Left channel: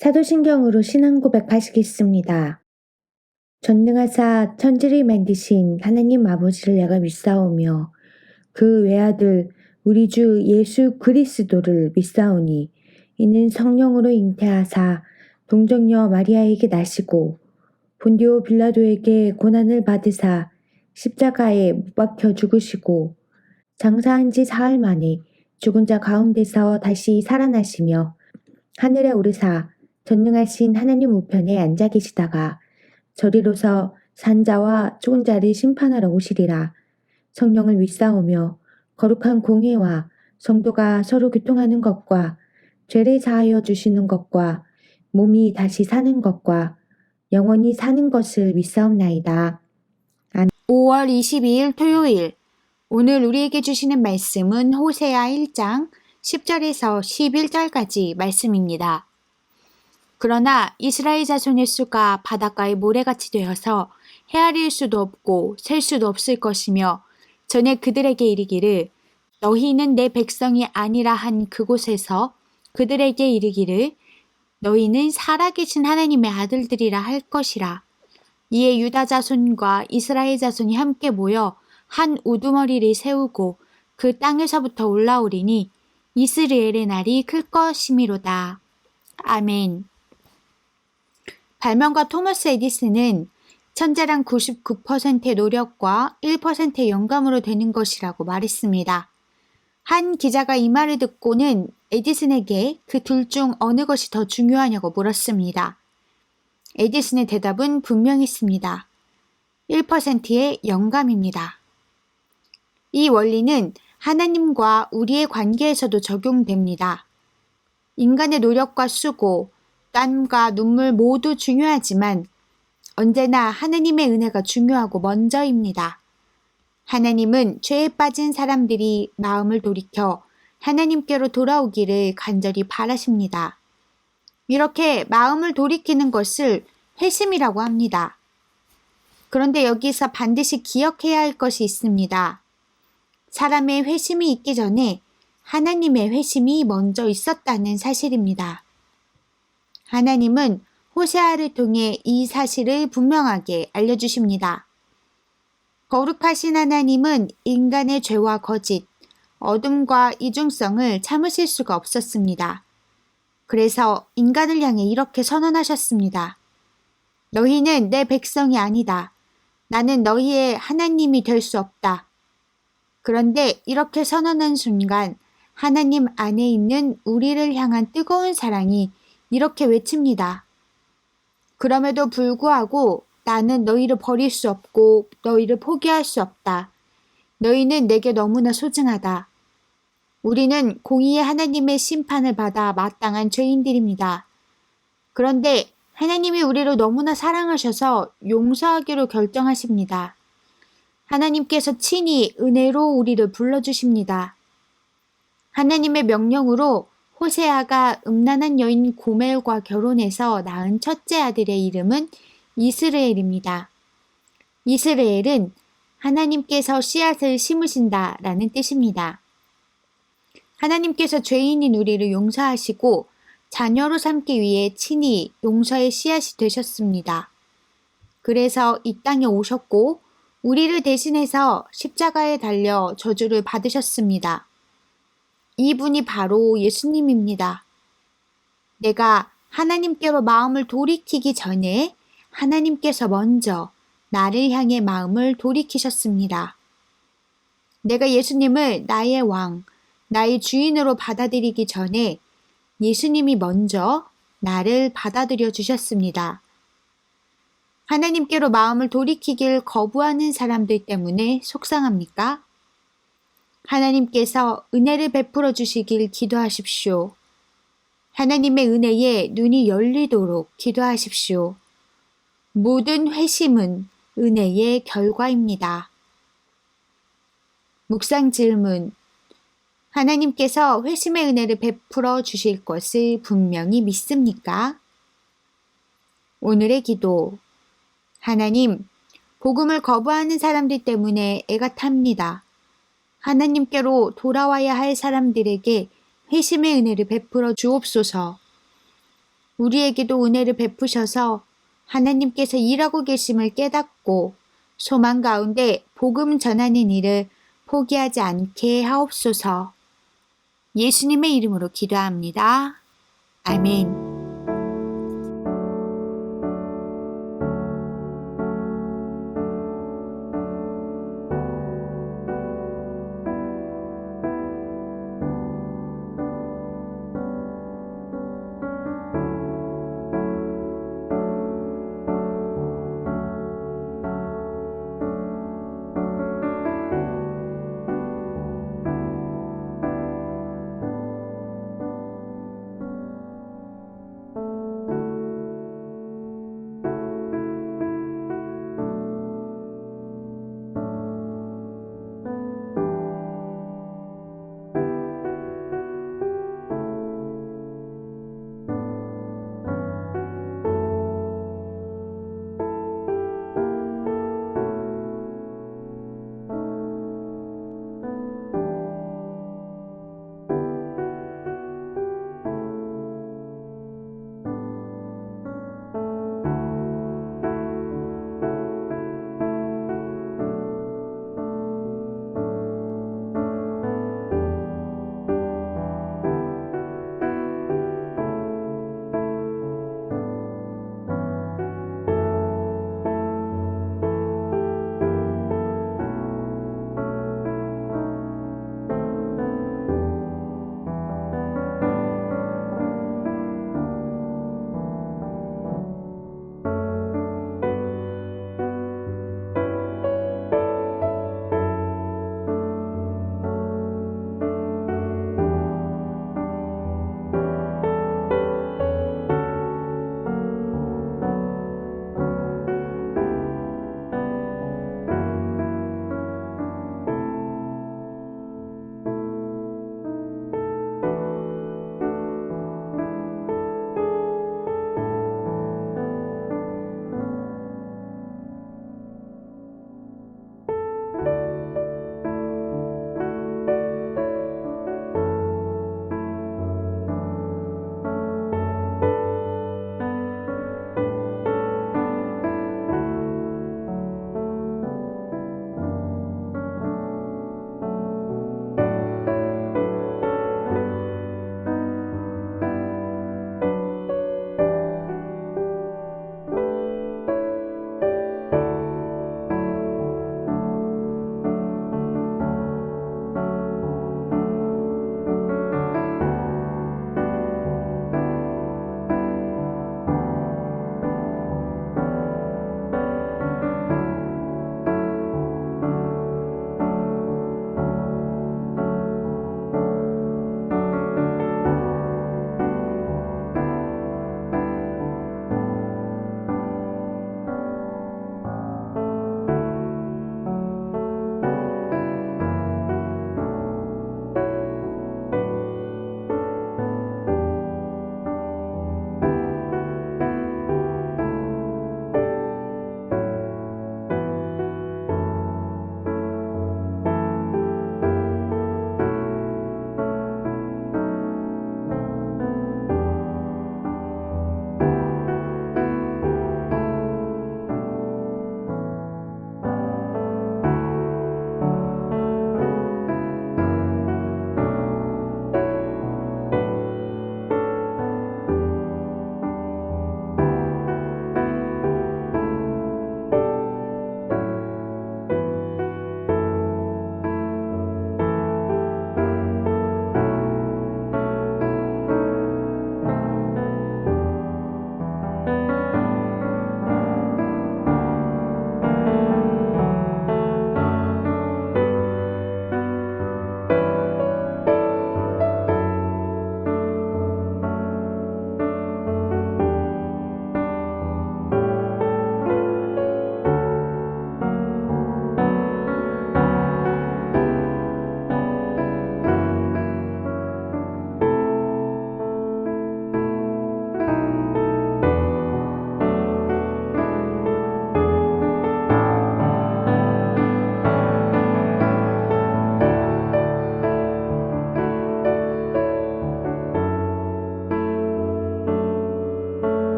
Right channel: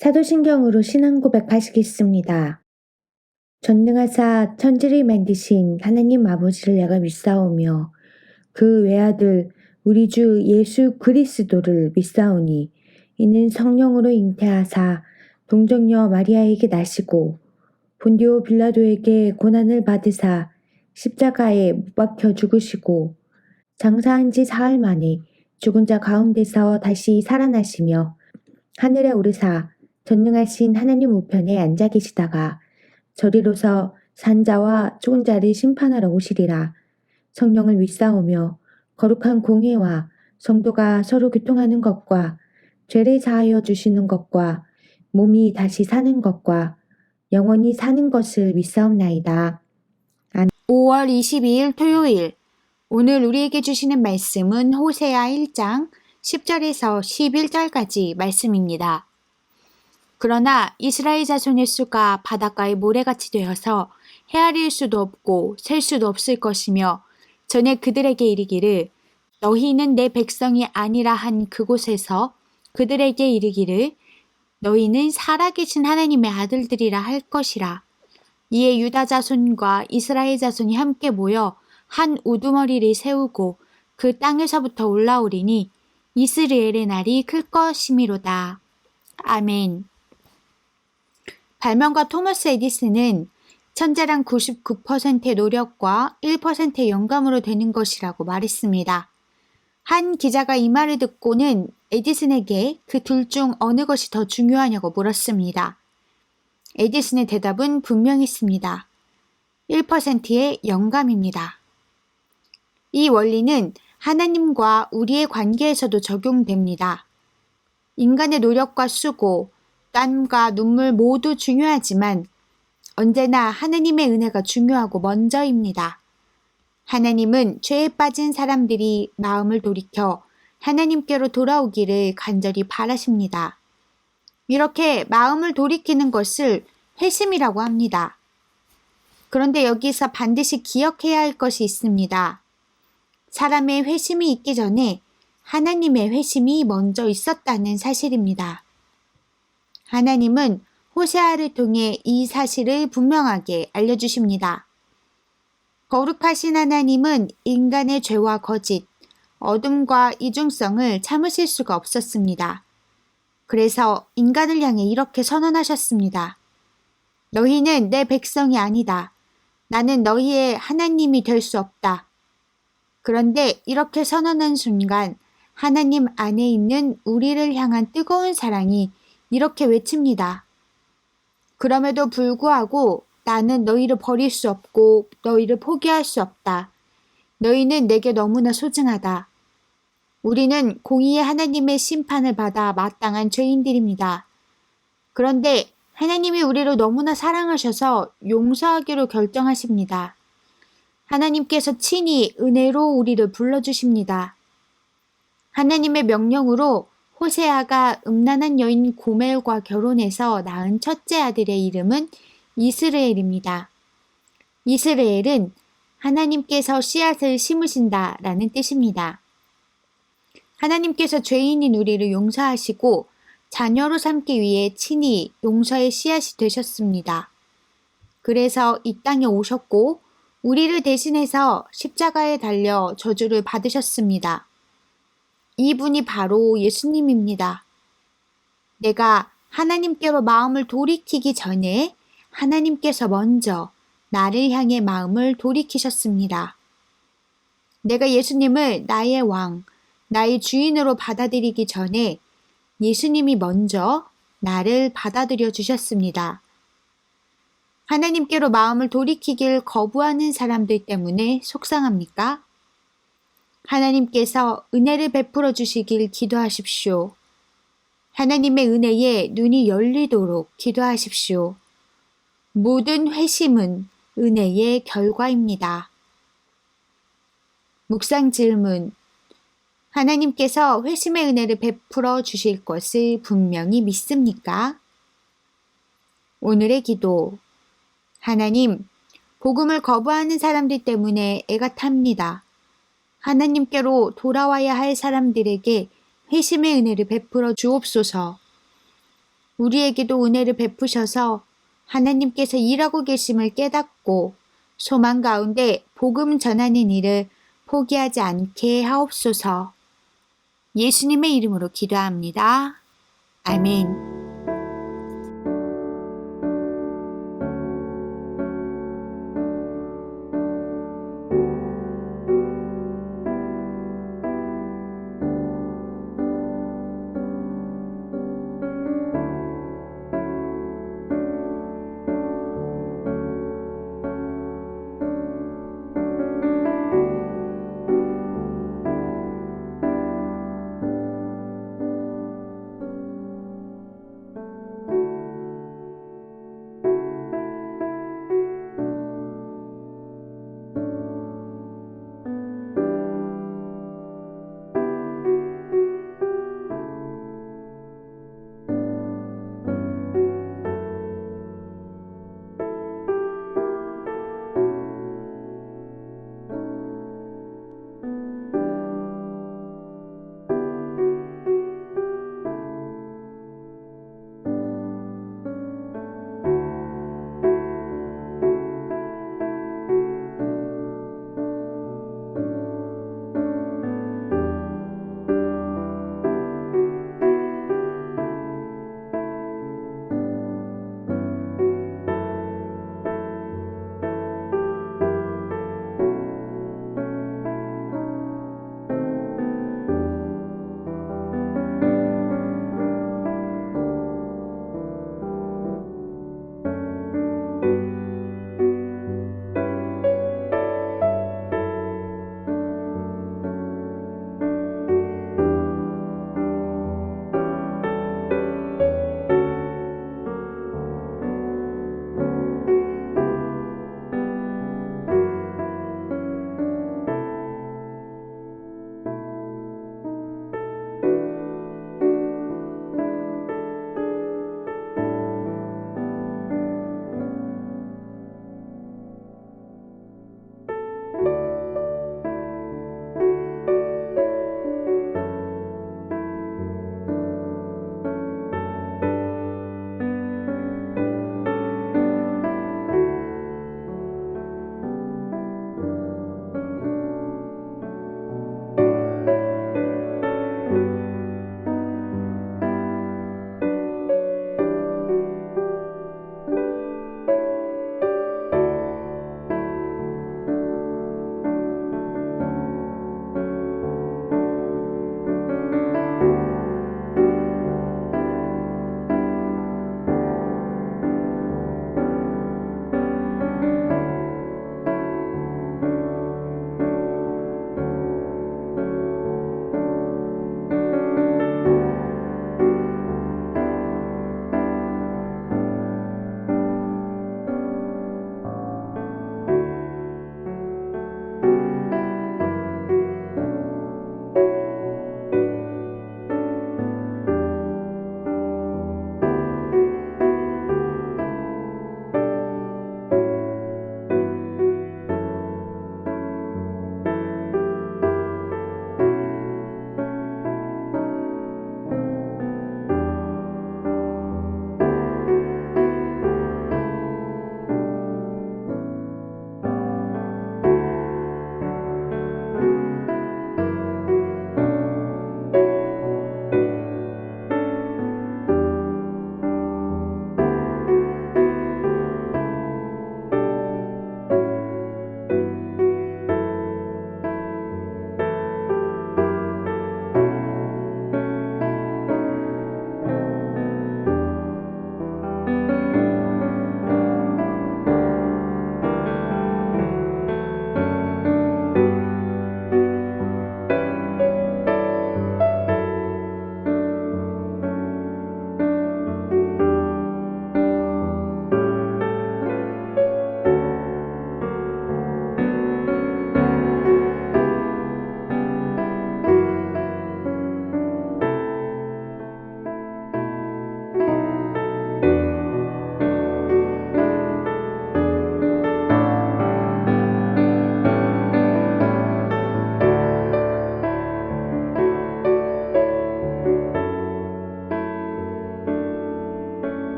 사도신경으로 신앙 고백하시겠습니다. 전능하사 천지를 만드신 하나님 아버지를 내가 믿사오며 그 외아들 우리 주 예수 그리스도를 믿사오니 이는 성령으로 잉태하사 동정녀 마리아에게 나시고 본디오 빌라도에게 고난을 받으사 십자가에 못 박혀 죽으시고 장사한 지 사흘 만에 죽은 자 가운데서 다시 살아나시며 하늘에 오르사 전능하신 하나님 우편에 앉아 계시다가 저리로서 산자와 죽은 자를 심판하러 오시리라. 성령을 믿사오며 거룩한 공회와 성도가 서로 교통하는 것과 죄를 사하여 주시는 것과 몸이 다시 사는 것과 영원히 사는 것을 믿사옵나이다. 5월 22일 토요일. 오늘 우리에게 주시는 말씀은 호세아 1장 10절에서 11절까지 말씀입니다. 그러나 이스라엘 자손의 수가 바닷가의 모래같이 되어서 헤아릴 수도 없고 셀 수도 없을 것이며 전에 그들에게 이르기를 너희는 내 백성이 아니라 한 그곳에서 그들에게 이르기를 너희는 살아계신 하나님의 아들들이라 할 것이라. 이에 유다 자손과 이스라엘 자손이 함께 모여 한 우두머리를 세우고 그 땅에서부터 올라오리니 이스라엘의 날이 클 것이미로다. 아멘. 발명가 토머스 에디슨은 천재란 99%의 노력과 1%의 영감으로 되는 것이라고 말했습니다. 한 기자가 이 말을 듣고는 에디슨에게 그 둘 중 어느 것이 더 중요하냐고 물었습니다. 에디슨의 대답은 분명했습니다. 1%의 영감입니다. 이 원리는 하나님과 우리의 관계에서도 적용됩니다. 인간의 노력과 수고, 땀과 눈물 모두 중요하지만 언제나 하나님의 은혜가 중요하고 먼저입니다. 하나님은 죄에 빠진 사람들이 마음을 돌이켜 하나님께로 돌아오기를 간절히 바라십니다. 이렇게 마음을 돌이키는 것을 회심이라고 합니다. 그런데 여기서 반드시 기억해야 할 것이 있습니다. 사람의 회심이 있기 전에 하나님의 회심이 먼저 있었다는 사실입니다. 하나님은 호세아를 통해 이 사실을 분명하게 알려주십니다. 거룩하신 하나님은 인간의 죄와 거짓, 어둠과 이중성을 참으실 수가 없었습니다. 그래서 인간을 향해 이렇게 선언하셨습니다. 너희는 내 백성이 아니다. 나는 너희의 하나님이 될 수 없다. 그런데 이렇게 선언한 순간 하나님 안에 있는 우리를 향한 뜨거운 사랑이 이렇게 외칩니다. 그럼에도 불구하고 나는 너희를 버릴 수 없고 너희를 포기할 수 없다. 너희는 내게 너무나 소중하다. 우리는 공의의 하나님의 심판을 받아 마땅한 죄인들입니다. 그런데 하나님이 우리를 너무나 사랑하셔서 용서하기로 결정하십니다. 하나님께서 친히 은혜로 우리를 불러주십니다. 하나님의 명령으로 호세아가 음란한 여인 고멜과 결혼해서 낳은 첫째 아들의 이름은 이스라엘입니다. 이스라엘은 하나님께서 씨앗을 심으신다라는 뜻입니다. 하나님께서 죄인인 우리를 용서하시고 자녀로 삼기 위해 친히 용서의 씨앗이 되셨습니다. 그래서 이 땅에 오셨고 우리를 대신해서 십자가에 달려 저주를 받으셨습니다. 이분이 바로 예수님입니다. 내가 하나님께로 마음을 돌이키기 전에 하나님께서 먼저 나를 향해 마음을 돌이키셨습니다. 내가 예수님을 나의 왕, 나의 주인으로 받아들이기 전에 예수님이 먼저 나를 받아들여 주셨습니다. 하나님께로 마음을 돌이키길 거부하는 사람들 때문에 속상합니까? 하나님께서 은혜를 베풀어 주시길 기도하십시오. 하나님의 은혜에 눈이 열리도록 기도하십시오. 모든 회심은 은혜의 결과입니다. 묵상 질문. 하나님께서 회심의 은혜를 베풀어 주실 것을 분명히 믿습니까? 오늘의 기도. 하나님, 복음을 거부하는 사람들 때문에 애가 탑니다. 하나님께로 돌아와야 할 사람들에게 회심의 은혜를 베풀어 주옵소서. 우리에게도 은혜를 베푸셔서 하나님께서 일하고 계심을 깨닫고 소망 가운데 복음 전하는 일을 포기하지 않게 하옵소서. 예수님의 이름으로 기도합니다. 아멘.